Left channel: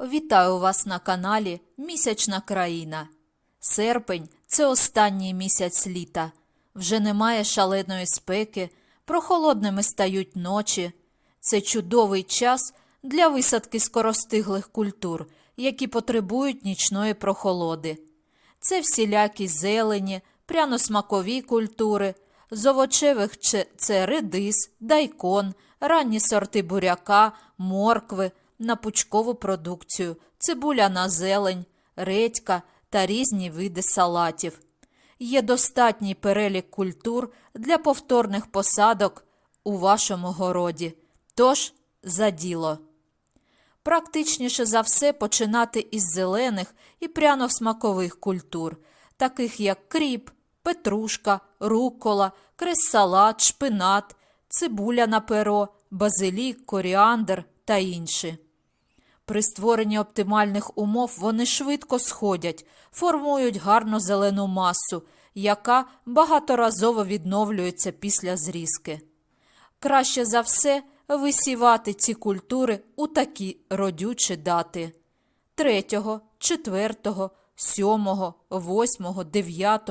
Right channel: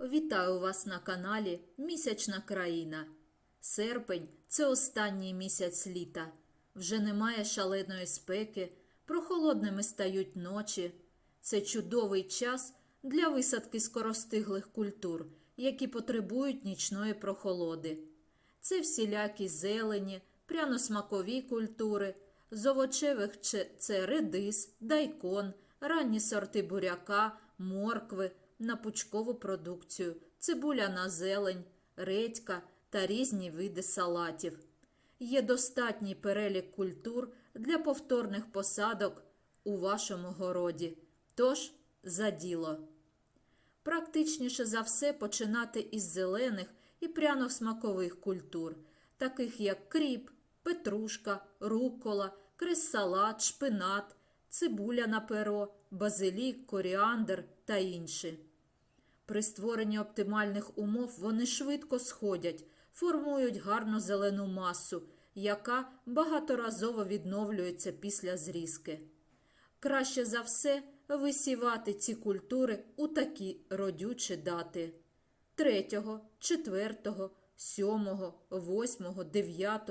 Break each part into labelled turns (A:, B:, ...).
A: Вітаю вас на каналі Місячна країна. Серпень це останній місяць літа. Вже немає шаленої спеки, прохолодними стають ночі. Це чудовий час для висадки скоростиглих культур, які потребують нічної прохолоди. Це всілякі зелені, пряно-смакові культури, з овочевих це редис, дайкон, ранні сорти буряка, моркви, на пучкову продукцію, цибуля на зелень, редька та різні види салатів. Є достатній перелік культур для повторних посадок у вашому городі. Тож за діло. Практичніше за все починати із зелених і пряно-смакових культур, таких як кріп, петрушка, рукола, крес-салат, шпинат, цибуля на перо, базилік, коріандр та інші. При створенні оптимальних умов вони швидко сходять, формують гарну зелену масу, яка багаторазово відновлюється після зрізки. Краще за все висівати ці культури у такі родючі дати 3, 4, 7, 8, 9,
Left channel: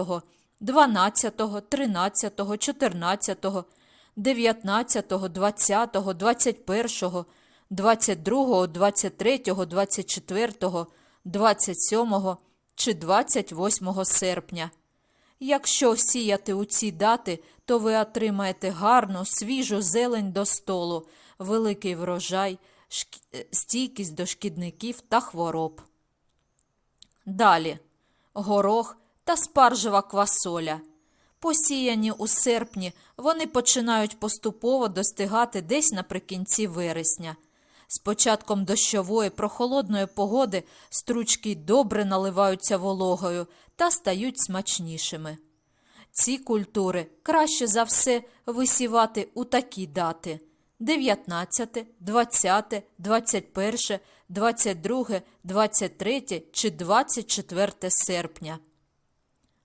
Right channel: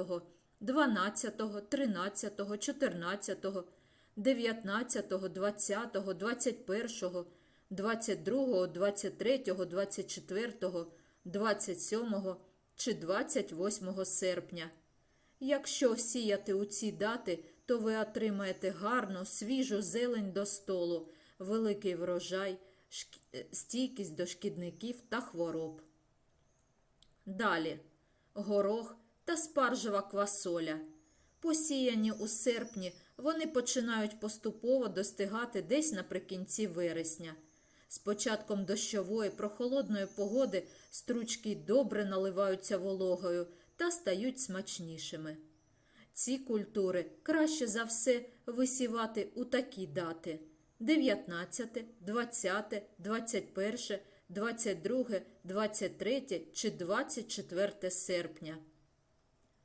A: 12, 13, 14, 19, 20, 21, 22, 23, 24, 27 чи 28 серпня. Якщо сіяти у ці дати, то ви отримаєте гарну, свіжу зелень до столу, великий врожай, е, стійкість до шкідників та хвороб. Далі горох та спаржева квасоля. Посіяні у серпні, вони починають поступово достигати десь наприкінці вересня. З початком дощової прохолодної погоди стручки добре наливаються вологою та стають смачнішими. Ці культури краще за все висівати у такі дати 19, 20, 21, 22, 23 чи 24 серпня.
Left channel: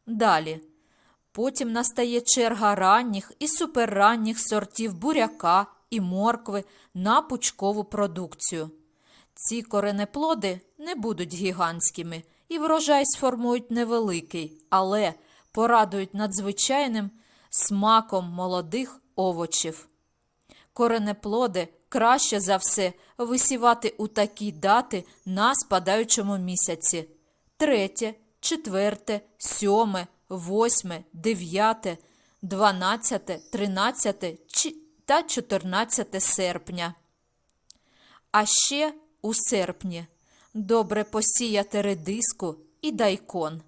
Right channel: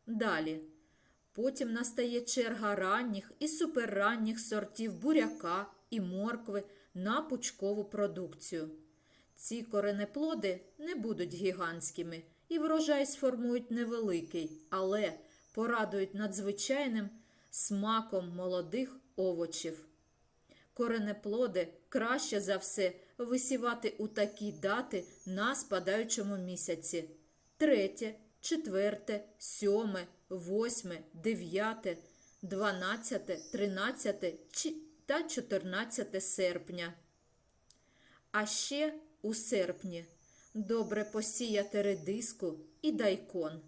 A: Далі. Потім настає черга ранніх і суперранніх сортів буряка і моркви на пучкову продукцію. Ці коренеплоди не будуть гігантськими і врожай сформують невеликий, але порадують надзвичайним смаком молодих овочів. Коренеплоди краще за все висівати у такі дати на спадаючому місяці 3, 4, 7, 8, 9, 12, 13 чи- та 14 серпня. А ще у серпні добре посіяти редиску і дайкон.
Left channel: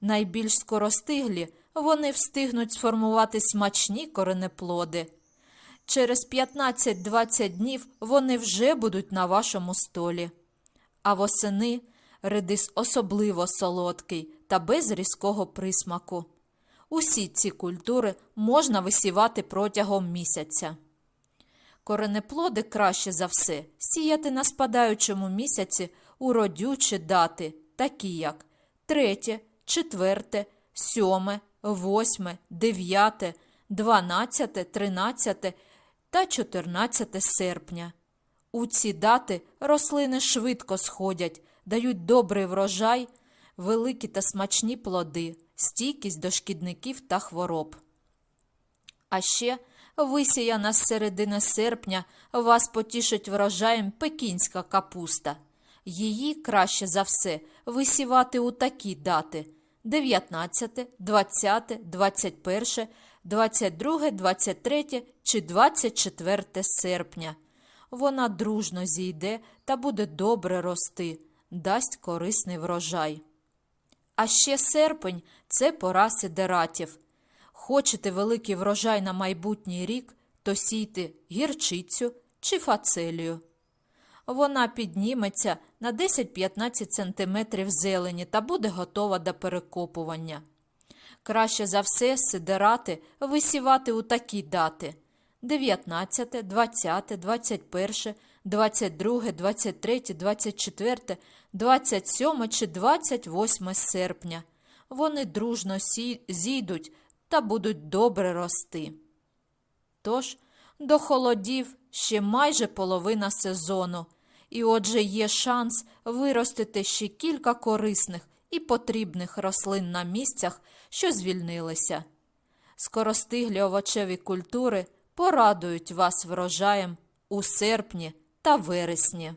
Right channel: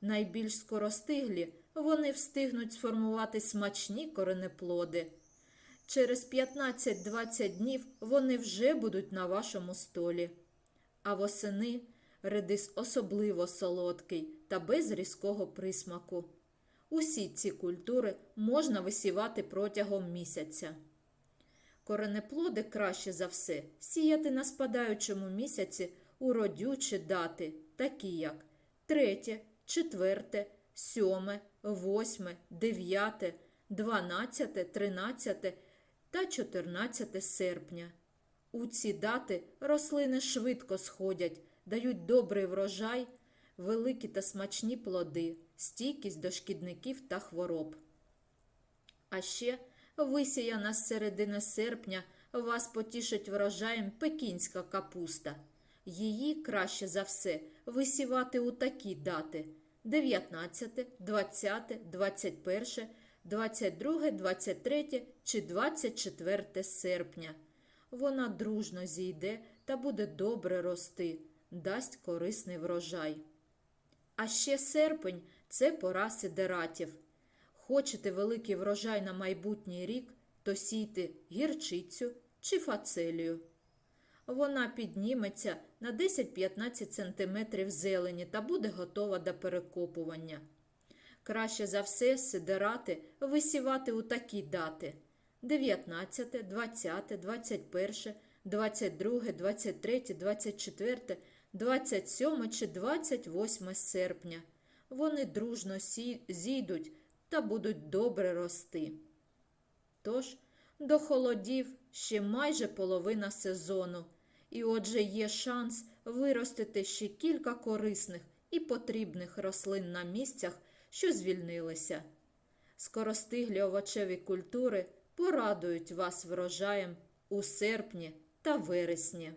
A: Найбільш скоростиглі вони встигнуть сформувати смачні коренеплоди. Через 15-20 днів вони вже будуть на вашому столі. А восени редис особливо солодкий та без різкого присмаку. Усі ці культури можна висівати протягом місяця. Коренеплоди краще за все сіяти на спадаючому місяці у родючі дати, такі як 3, 4, 7, 8, 9, 12, 13 та 14 серпня. У ці дати рослини швидко сходять, дають добрий врожай, великі та смачні плоди, стійкість до шкідників та хвороб. А ще висіяна з середини серпня вас потішить врожаєм пекінська капуста. Її краще за все висівати у такі дати 19, 20, 21, 22, 23 чи 24 серпня. Вона дружно зійде та буде добре рости, дасть корисний врожай. А ще серпень це пора сидератів. Хочете великий врожай на майбутній рік, то сійте гірчицю чи фацелію. Вона підніметься на 10-15 см зелені та буде готова до перекопування. Краще за все сидерати висівати у такі дати 19, 20, 21, 22, 23, 24, 27 чи 28 серпня. Вони дружно зійдуть та будуть добре рости. Тож до холодів ще майже половина сезону, і отже є шанс виростити ще кілька корисних і потрібних рослин на місцях, що звільнилися. Скоростиглі овочеві культури порадують вас врожаєм у серпні та вересні.